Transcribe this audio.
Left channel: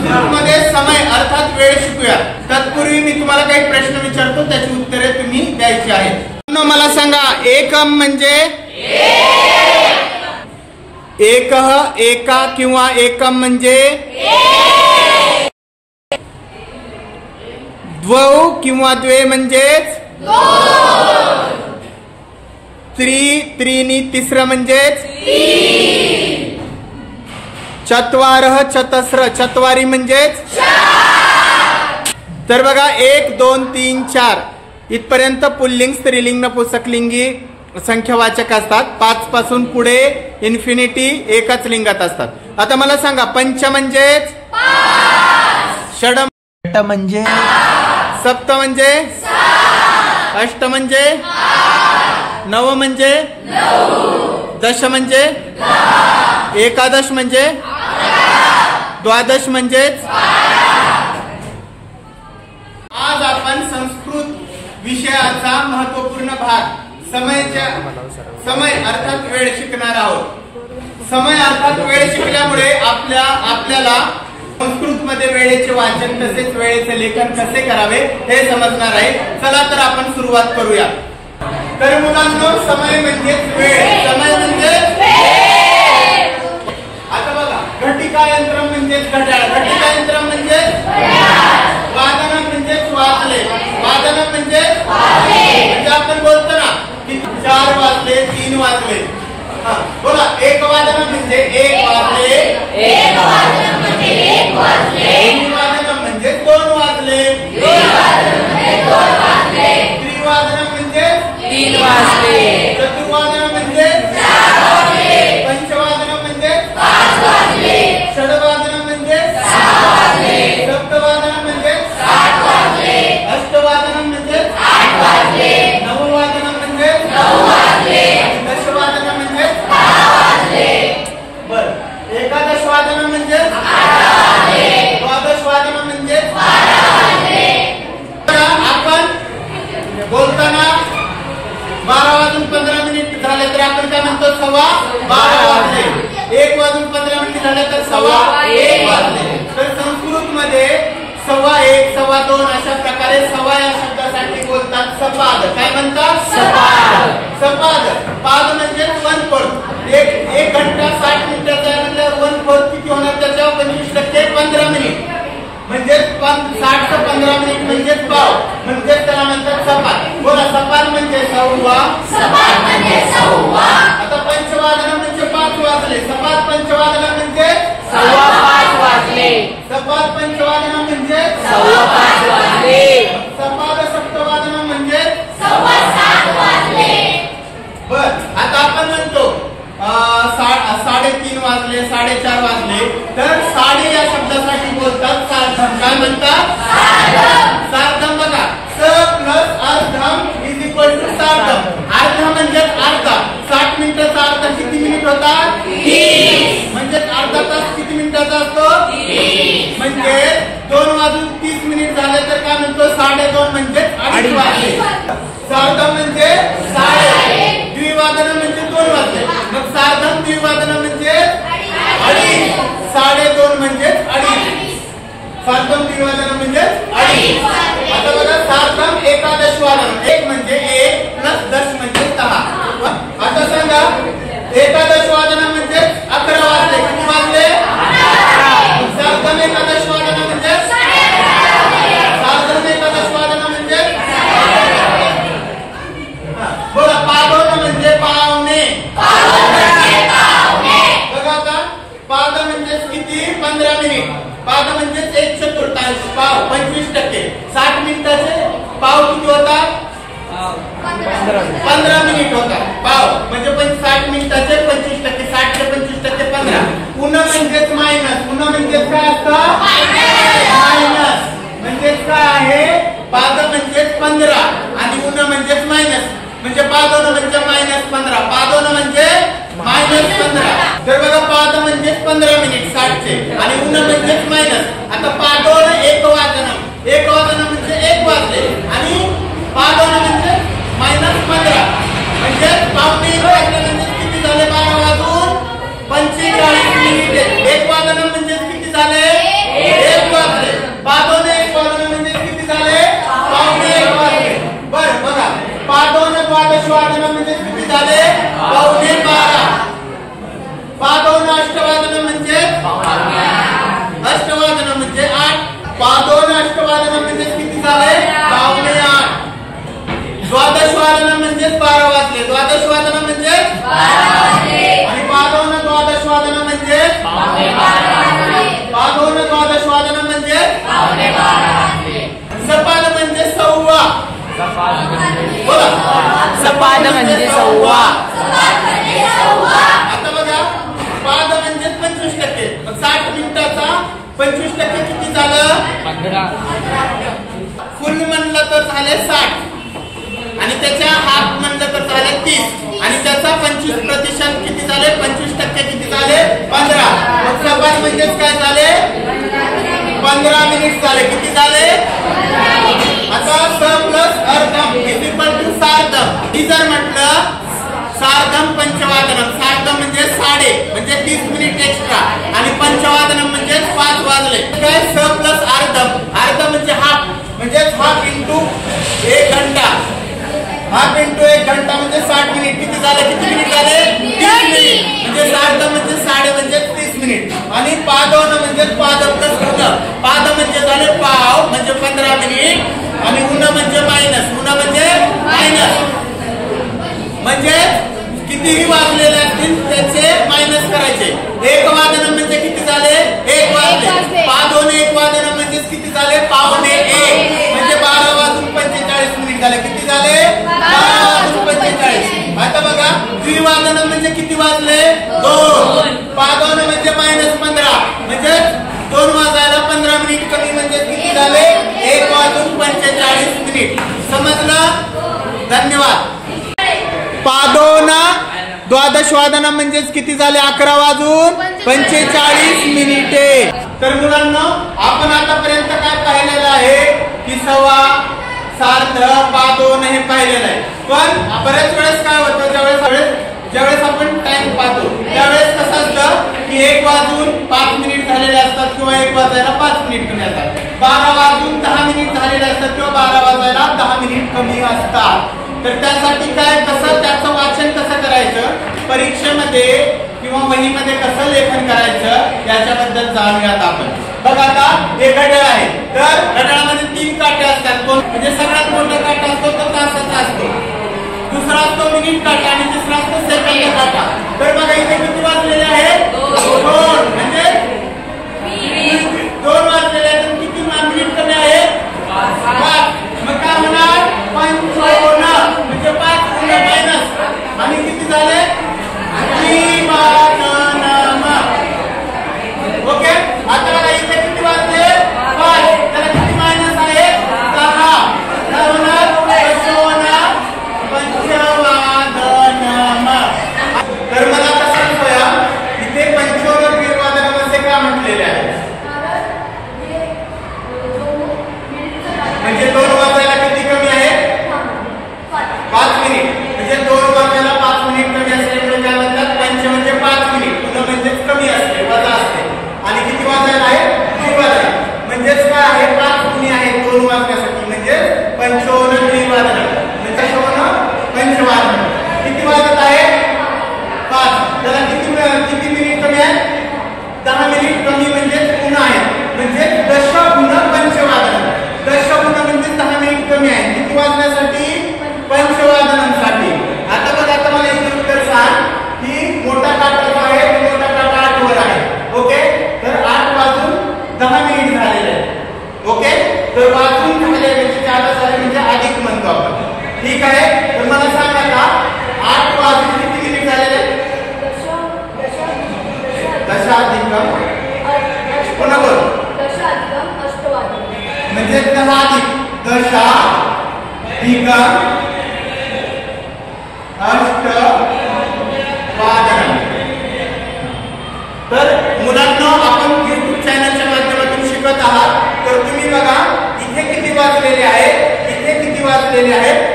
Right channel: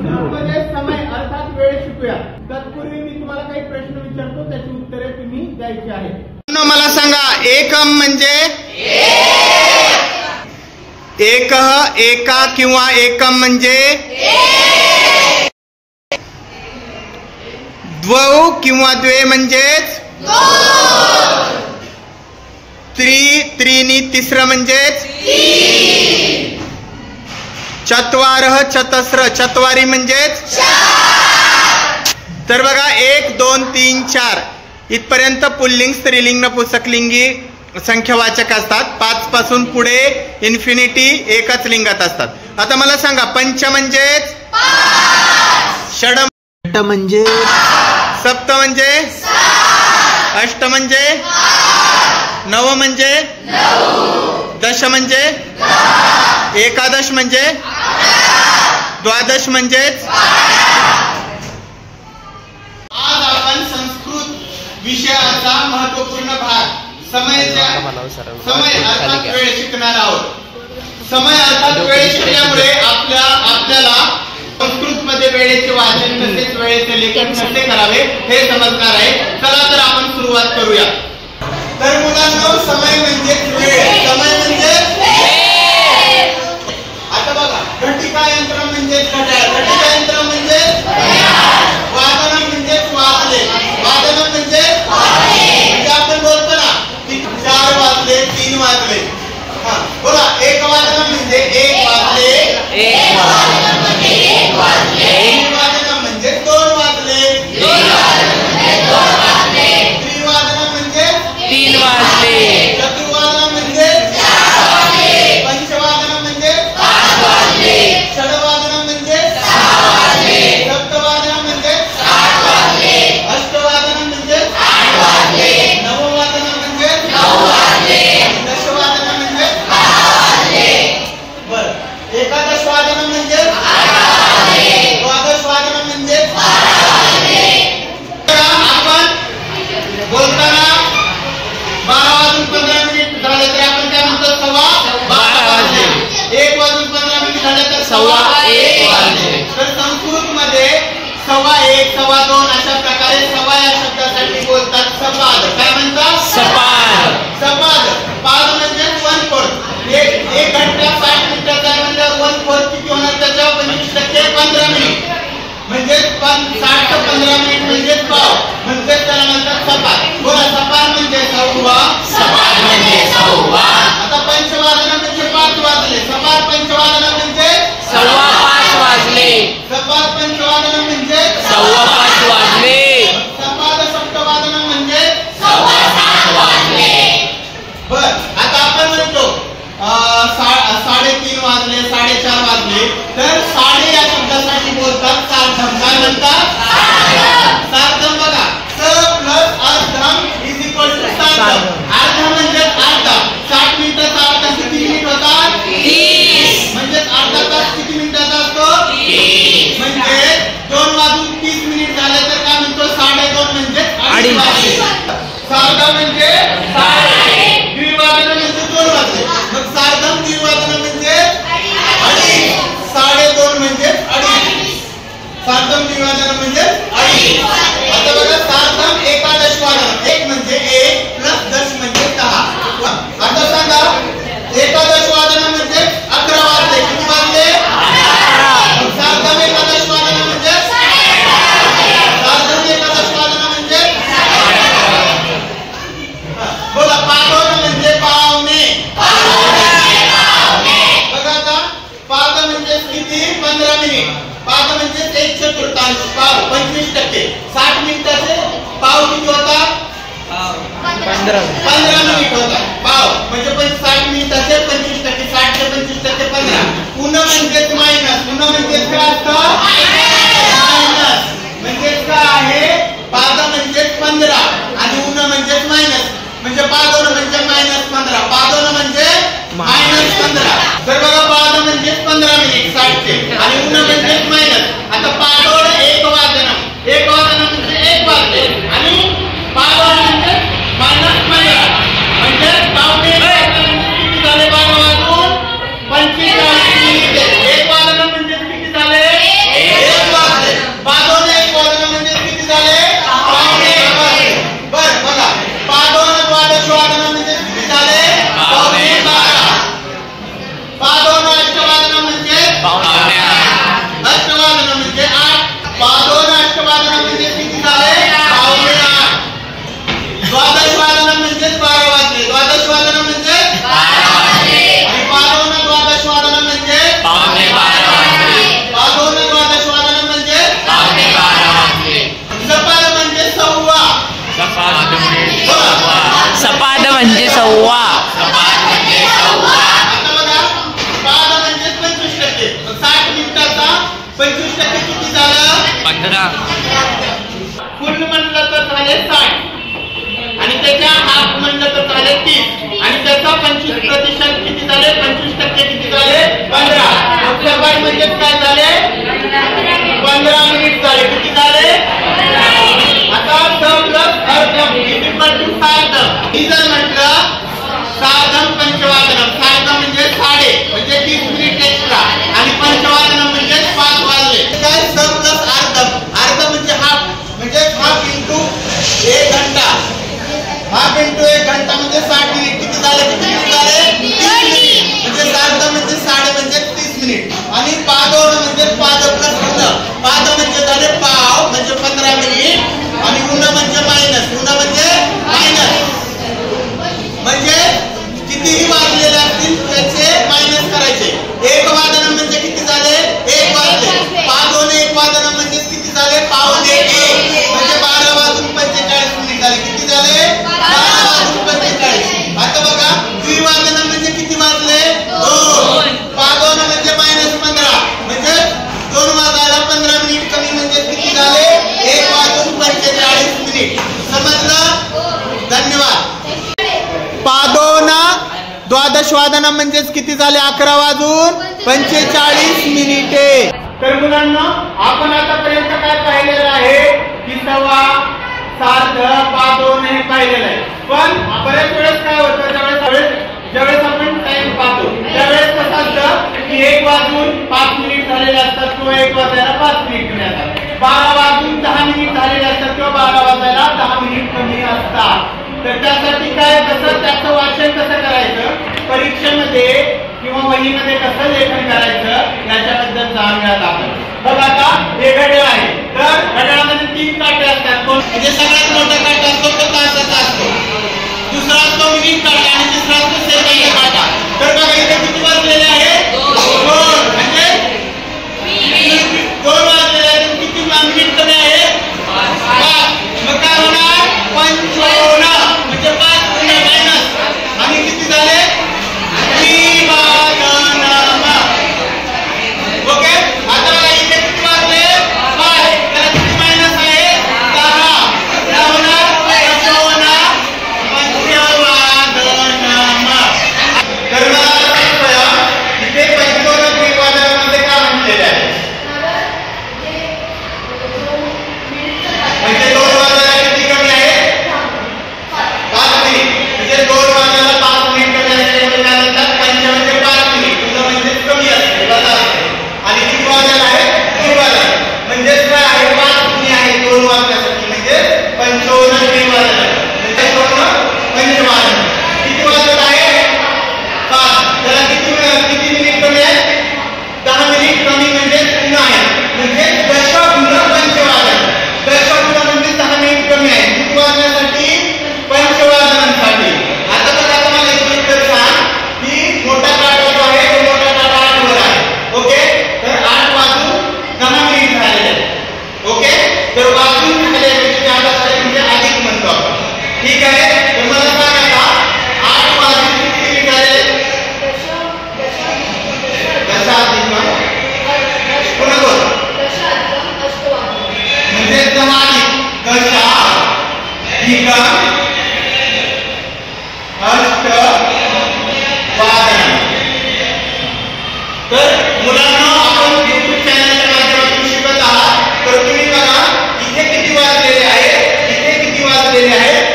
संस्कृतमध्ये समय अर्थात वेळ शिकूया. तत्पूर्वी मी तुम्हाला काही प्रश्न विचारतो, त्याची उत्तरे तुम्ही द्यायची आहेत. मला सांगा, एकम म्हणजे एकह, एका किंवा एकम म्हणजे द्वौ किंवा द्वे म्हणजेच त्रि, त्रीनी तिसरं म्हणजेच चत्वारः, चतस्र चत्वारी म्हणजेच. तर बघा 1 2 3 4 इथपर्यंत पुल्लिंग, स्त्रीलिंग, नपुंसकलिंगी संख्यावाचक असतात. 5 पासून पुढे इन्फिनिटी एकच लिंगात असतात. आता मला सांगा, पंच म्हणजेच षड म्हणजे, सप्त म्हणजे, अष्ट म्हणजे, नव म्हणजे, दश म्हणजे, एकादश म्हणजे, द्वादश म्हणजेच. आज आपण संस्कृत विषयाचा महत्वपूर्ण भाग समय अर्थात वेळ शिकणार आहोत. समय अर्थात वेळ शिकल्यामुळे आपल्याला संस्कृत मध्ये वेळेचे वाचन तसेच वेळेचे लेखन कसे करावे हे समजणार आहे. चला तर आपण सुरुवात करूया. तर मुलांनो, समय म्हणजे वेळ. समय म्हणजे आता बघा, घटिका यंत्र म्हणजे घड्याळ, घटिका यंत्र म्हणजे वादन म्हणजे वाजले, वादन म्हणजे आपण बोलतो ना की 4 वाजले, 3 वाजले. हा बोला, एक वादन म्हणजे 1 वाजले, एक वादन म्हणजे 1 वाजले, त्रिवादन म्हणजे 2 वाजले, त्रिवादन म्हणजे 2 वाजले, त्रिवादन म्हणजे 3 वाजले, चतुर्वादन म्हणजे 4 वाजले, पंचवादन म्हणजे 5 वाजले, षडवादन म्हणजे 6 वाजले, सप्तवादन म्हणजे 7 वाजले, अष्टवादन म्हणजे 8 वाजले, नववादन म्हणजे 9 वाजले, दशवादन म्हणजे 12 वाजले. बर, एकादश वादन म्हणजे 11 वाजले, द्वादश वादन म्हणजे 12 वाजले. आपण बोलताना 12 वाजून 15 मिनिट झाले तर आपण काय म्हणतो? 12:15 वाजले. 1 वाजून 15 मिनिट झाले तर 1:15 वाजले. तर संस्कृत मध्ये 1:15, 2:15 अशा प्रकारे सव्वा या शब्दासाठी बोलतात सपाद. काय म्हणतात? सपाद. सपाद. पाद म्हणजे 1/4. एक घंटा 60 मिनिटाचा म्हणजे 1/4 किती होणार? त्याच्या 25% 15 मिनिट म्हणजे 60 ते 15 मिनिट म्हणजे पाव, म्हणजे त्याला म्हणतात सपाद. बोला, सपाद म्हणजे सव्वा, सपाद म्हणजे सव्वा. आता पंचवादन म्हणजे 5 वाजले, सपाद पंचवादन म्हणजे 5:15 वाजले, सपाद पंचवादन म्हणजे 5:15 वाजले, सपाद सप्तवादन म्हणजे 7:15 वाजले. बर, आता आपण म्हणतो 3:30 वाजले, 4:30 वाजले, तर साडे या शब्दासाठी बोलतात सार्धम. काय म्हणतात? सार्धम. बघा, स प्लस अर्धम इज इक्वल टू सार्धम. अर्धा म्हणजे अर्धा. 60 मिनिटाचा अर्धा किती मिनिट होतात? 30. म्हणजे अर्धा तास किती मिनिटाचा असतो? 30. म्हणजे 2 वाजून 30 मिनिट झाले तर काय म्हणतो? 2:30 म्हणजे 2:30 वाजले. सार्धम म्हणजे 2:30. द्विवादन म्हणजे 2 वाजले. मग सार्धम द्विवादन म्हणजे 2:30. 2:30 म्हणजे 2:30. सार्धम द्विवादन म्हणजे 2:30. आता बघा, सार्धम एकादश वादन. 1 म्हणजे 1 प्लस 10 म्हणजे 10. आता सांगा, एकादश वादन म्हणजे 11 वाजले. किती वाजले? सार्धम एकादश वादन म्हणजे सार्धम एकादश वादन म्हणजे बोला, पावण म्हणजे पावणे. बघा आता, पाद म्हणजे किती? 15 मिनिट. पाद म्हणजे 1/4 पाव, 25%. 60 मिनिटाचे पाव किती होतात? 15 मिनिट होतात. पाव म्हणजे 60 मिनिटाचे 25%. 60 चे 25% 15. पुन्हा म्हणजेच मायनस. पुन्हा म्हणजे काय असतं? मायनस. म्हणजे काय आहे? पाद म्हणजे 15 आणि उन्हा म्हणजेच मायनस. म्हणजे पादोन म्हणजे -15, पादोन म्हणजे -15. तर बघा, पाद म्हणजे 15 मिनिट 60 चे आणि उन्हा म्हणजे मायनस. आता पादोन 1 वादन. 1 वादन म्हणजे 1 वाजले आणि पादोन म्हणजे -15 म्हणजे पावणे 1 वाजले. म्हणजे किती झाले? 12 वाजून 45 मिनिट. 1 वादन म्हणजे किती झाले? द्वादशवादन म्हणजे किती झाले? पावणे 12. पादोन अष्टवादन म्हणजे अष्टवादन म्हणजे 8. पादोन अष्टवादन म्हणजे किती झाले? पावणे 8. द्वादशवादन म्हणजे 12 वाजले. द्वादशवादन म्हणजे 12 वाजले. आणि पादोन द्वादशवादन म्हणजे पावणे 12 वाजले. पादोन द्वादशवादन म्हणजे पावणे 12 वाजले. सपाद म्हणजे सव्वा. सपाद म्हणजे सव्वा. आता बघा, पाद म्हणजे 25%. 60 मिनिटाचा 25% किती झालं? 15. फुल म्हणलं तर झाले 60 आणि त्याच्या हाफ म्हणलं तर झाले 30 आणि त्याचा 25% किती झाले? 25% किती झाले? 15. मग सपाद म्हणजे काय झाले? 15 मिनिट झाले. किती झाले? आता स प्लस अर्धम इज इक्वल टू सार्धम. ही जर म्हटलं सार्धम पंचवादनम, सार्धम म्हणजे साडे म्हणजे 30 मिनिट एक्स्ट्रा आणि पंचवादनम म्हणजे 5 वाजले. काय स प्लस अर्धम, अर्ध म्हणजे हाफ म्हणजे हाफ इंटू 1 घंटा. हाफ इंटू 1 घंटा म्हणजे 60 मिनिट. किती झाले? किती मिनिट झाले? 30 मिनिट. म्हणजे सार्धम म्हणजे साडे म्हणजे 30 मिनिट आणि पादोन म्हणजे पाद प्लस उन. पाद म्हणजे झाले पाव म्हणजे 15 मिनिट आणि उन म्हणजे मायनस. उन म्हणजे मायनस म्हणजे कितीही वाजलेले असतील त्याचे मायनस करायचे. 1 वादन म्हणजे किती झाले? 1 वाजले. पादोन 1 वादन म्हणजे किती झाले? पावणे 1 म्हणजे 12 वाजून 45 मिनिट झाले. किती झाले? 12 वाजून 45. आता बघा, द्विवादन म्हणजे किती वाजले? 2. पादोन म्हणजे -15 म्हणजे 2 वाजायला 15 मिनिट कमी म्हणजे किती झाले? 1 वाजून 45 मिनिट. समजलं? धन्यवाद. पादोना द्वादशवादन म्हणजे किती झाले? 11 वाजून 45 मिनिटे. तर मुलांना आपण आतापर्यंत काय पाहिलेलं आहे की सवा, सार्ध, पादोन हे पाहिलेलं आहे. पण बऱ्याच वेळेस काय होतं, ज्यावेळेस आपण टाइम पाहतो त्यावेळेस कसं असतं की 1 वाजून 5 मिनिट झालेले असतात किंवा 1 वाजायला 5 मिनिट कमी असतात. 12 वाजून 10 मिनिट झालेले असतात किंवा 12 वाजायला 10 मिनिट कमी असतात. तर त्यासाठी काय, कसं त्याचं वाचन कसं करायचं, परीक्षेमध्ये किंवा वहीमध्ये कसं लेखन करायचं याच्याबद्दल जाणूयात आपण. बघा, आता हे घड्याळ आहे. तर घड्याळामध्ये 3 काटे असतात. म्हणजे सगळ्यात मोठा काटा असतो तो तासाचा असतो, दुसरा असतो मिनिट काटा आणि तिसरा असतो सेकंद काटा. तर बघा इथे किती वाजलेले आहेत? 2. म्हणजे 2 वाजलेले आहेत. किती मिनिट कमी आहे? 5. मग काय होणार? 55 म्हणजे 5 गुणिले मायनस आणि किती झाले? द्विवादनम. ओके. आता बघा इथे किती वाजले? 5. त्याला किती मायनस आहे? 6. काय होणार? 55 पंचवादनम. तर मला सांगा इथे 55 द्विवादनामध्ये काय म्हटलेले आहे? म्हणजे 2 वाजायला किती कमी आहे? 5 मिनिट. म्हणजे 2 वाजायला 5 मिनिट कमी असते म्हणजे काय म्हणतात? 5 म्हणजे 5 मिनिट म्हणजे कमी असते, वजा असते. आणि किती वाजायला आहे? 2 वाजायला. म्हणजे काय आहे? 5 गुणे आहे 2 वाजण्यासाठी म्हणजे 55 द्विवादन म्हणजे पंचवादन. किती वाजत आहे? 5. त्याला किती मिनिट कमी आहे? 10 मिनिट कमी म्हणजे गुण आहे म्हणजे दशगुण पंचवादन. दशगुण म्हणजे 10 मिनिट कमी आहे. किती वाजण्यासाठी? पंचवादनासाठी. आता बघा, तुम्हाला एक उत्तर सांग की मोठा काटा जो आहे तो मोठा काटा 8 वर आहे. ओके. तर 8 वाजून 10 मिनिट झालेले आहेत. ओके. तर वाजून झाले म्हणजे जादा झाले म्हणजे अधिक म्हणतो आपण. ठीक आहे. तर मला सांग आता 8 वाजून किती मिनिट झाले? दशाधिक पुन्हा बोल. दशाधिक अष्टवादन म्हणजे 10 अधिक दशाधिक अष्टवादन. तर मुलांना आपण YouTube चॅनलच्या माध्यमातून शिकत आहात. तर तुम्ही बघा इथे किती वाजलेले आहे, इथे किती वाजलेले आहे